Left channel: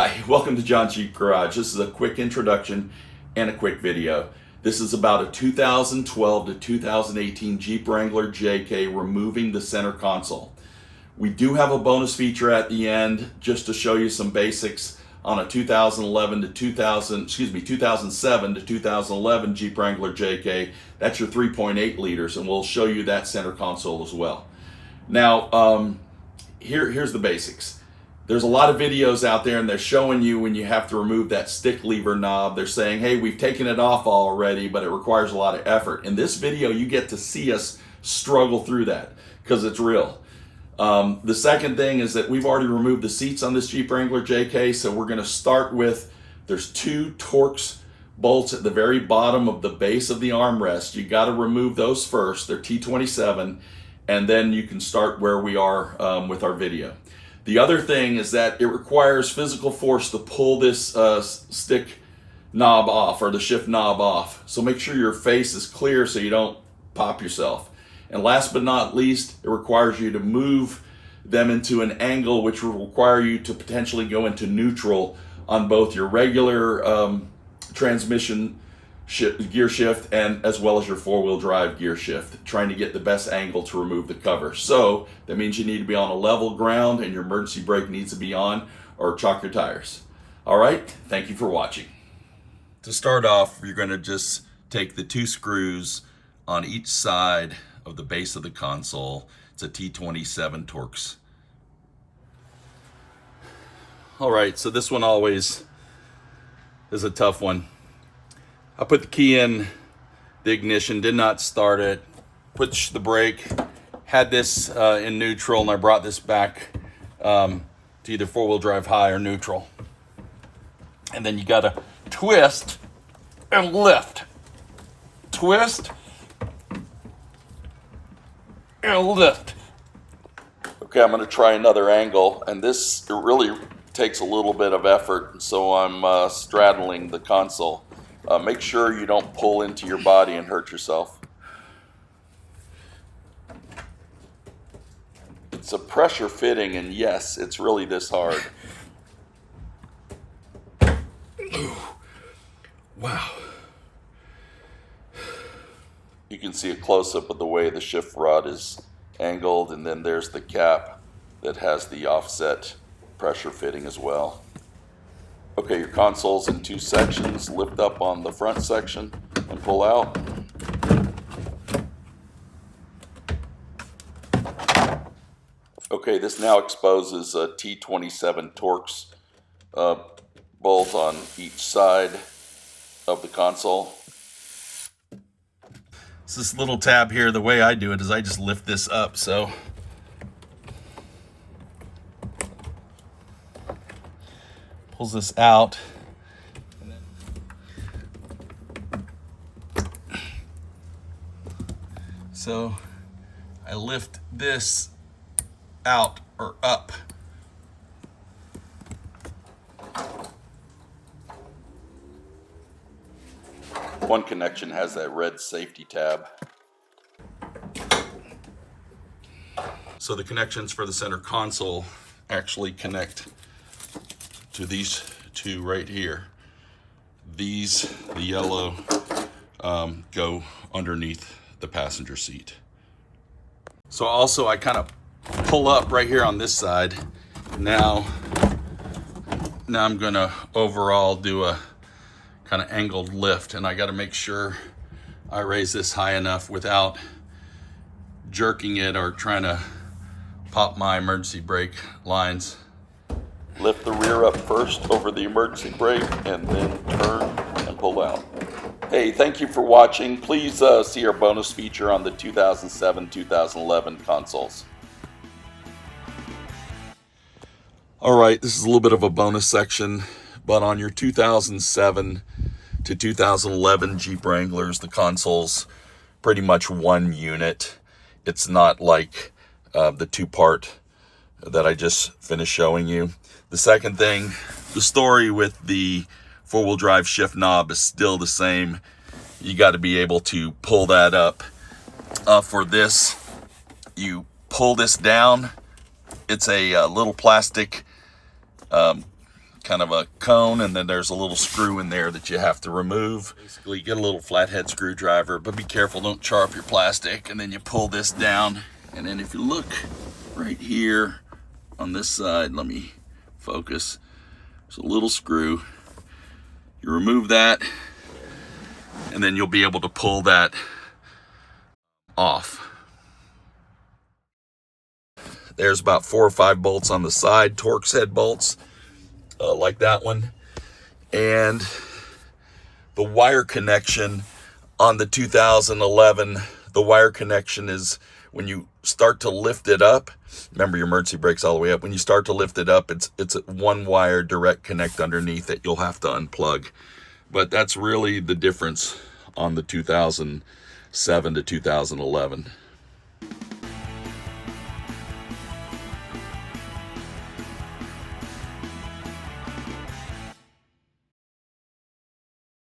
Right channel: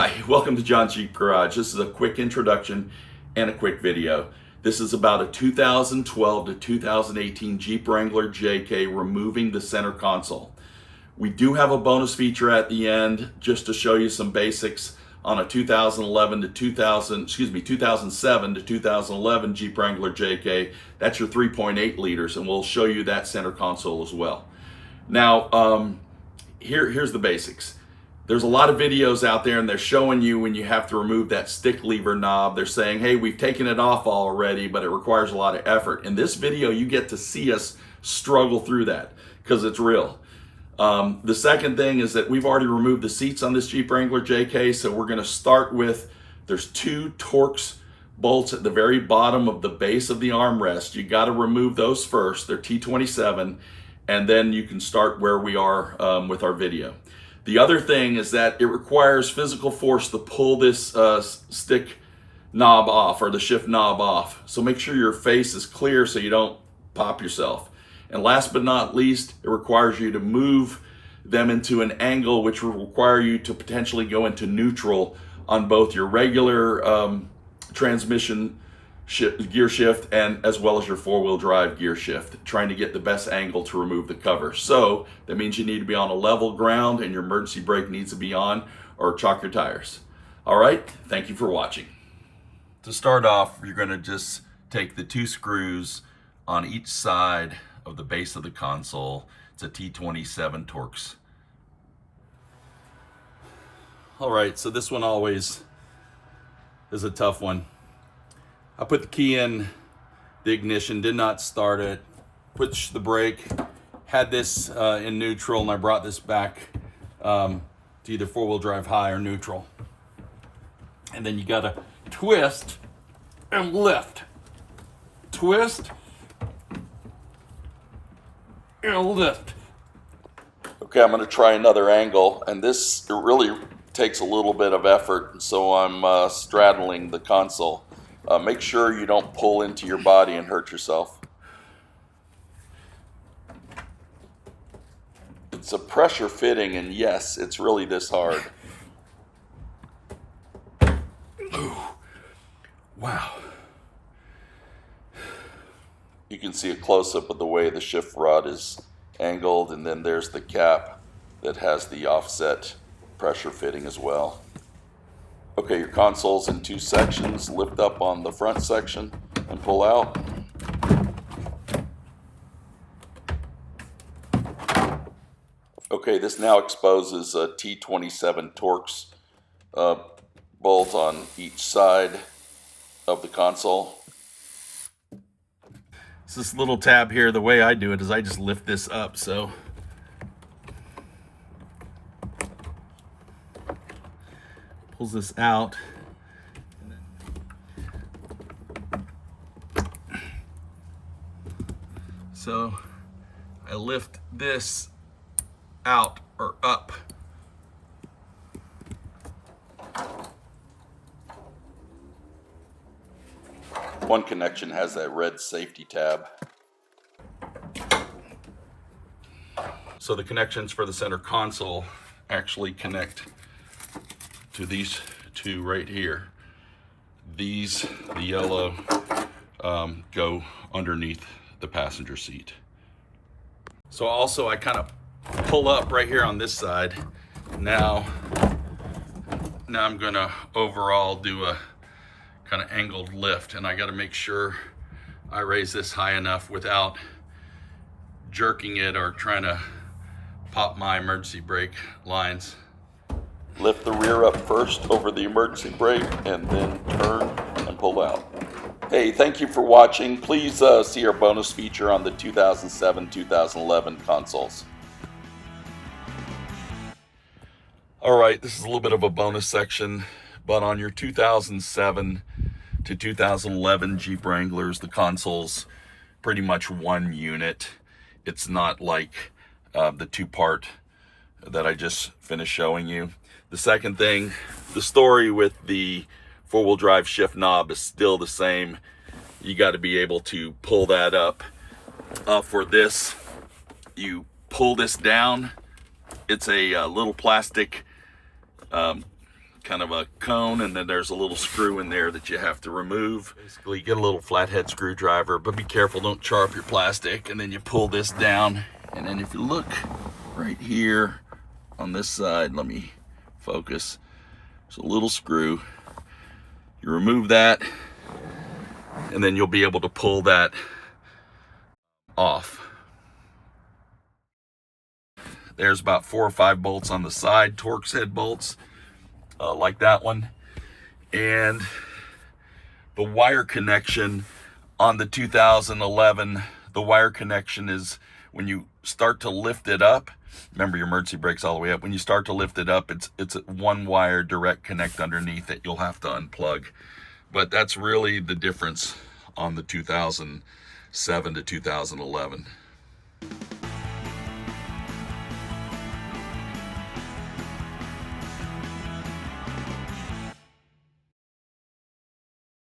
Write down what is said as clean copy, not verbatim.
Hi, welcome to John's Jeep Garage. This is a quick introduction and a quick video. This is about a 2012 to 2018 Jeep Wrangler JK removing the center console. We do have a bonus feature at the end just to show you some basics on a 2007 to 2011 Jeep Wrangler JK. That's your 3.8 liters, and we'll show you that center console as well. Now, here's the basics. There's a lot of videos out there and they're showing you when you have to remove that stick lever knob. They're saying, hey, we've taken it off already, but it requires a lot of effort. In this video, you get to see us struggle through that because it's real. The second thing is that we've already removed the seats on this Jeep Wrangler JK, so we're gonna start with, there's two Torx bolts at the very bottom of the base of the armrest. You gotta remove those first, they're T27, and then you can start where we are with our video. The other thing is that it requires physical force to pull this stick knob off, or the shift knob off. So make sure your face is clear so you don't pop yourself. And last but not least, it requires you to move them into an angle which will require you to potentially go into neutral on both your regular transmission gear shift and as well as your four-wheel drive gear shift, trying to get the best angle to remove the cover. So that means you need to be on a level ground and your emergency brake needs to be on, or chock your tires. All right, thank you for watching. To start off, you're going to just take the two screws on each side of the base of the console. It's a T27 Torx. All right, so this one always is a tough one. I put the key in the ignition, did not start it, pushed the brake, had this in neutral, and I brought this back to either four-wheel drive high or neutral. And then you gotta twist and lift. Twist and lift. Okay, I'm gonna try another angle, and this really takes a little bit of effort, so I'm straddling the console. Make sure you don't pull into your body and hurt yourself. It's a pressure fitting, and yes, it's really this hard. Ooh. Wow. You can see a close-up of the way the shift rod is angled, and then there's the cap that has the offset pressure fitting as well. Okay, your console's in two sections. Lift up on the front section and pull out. Okay, this now exposes a T27 Torx bolt on each side of the console. So this little tab here, the way I do it is I just lift this up, so pulls this out. So I lift this out or up. One connection has that red safety tab. So the connections for the center console actually connect to these two right here. These, the yellow, go underneath the passenger seat. So also I kind of pull up right here on this side. Now I'm gonna overall do a kind of angled lift, and I gotta make sure I raise this high enough without jerking it or trying to pop my emergency brake lines. Lift the rear up first over the emergency brake and then turn and pull out. Hey, thank you for watching. Please see our bonus feature on the 2007-2011 consoles. All right, this is a little bit of a bonus section, but on your 2007 to 2011 Jeep Wranglers, the console's pretty much one unit. It's not like the two-part that I just finished showing you. The second thing, the story with the four-wheel drive shift knob is still the same. You got to be able to pull that up. For this, you pull this down. It's a little plastic kind kind of a cone, and then there's a little screw in there that you have to remove. Basically, you get a little flathead screwdriver, but be careful, don't char up your plastic. And then you pull this down, and then if you look right here on this side, let me focus. There's a little screw. You remove that, and then you'll be able to pull that off. There's about 4 or 5 bolts on the side, Torx head bolts, like that one. And the wire connection on the 2011, the wire connection is when you start to lift it up. Remember, your emergency brake's all the way up. When you start to lift it up, it's a 1 wire direct connect underneath it. You'll have to unplug. But that's really the difference on the 2007 to 2011.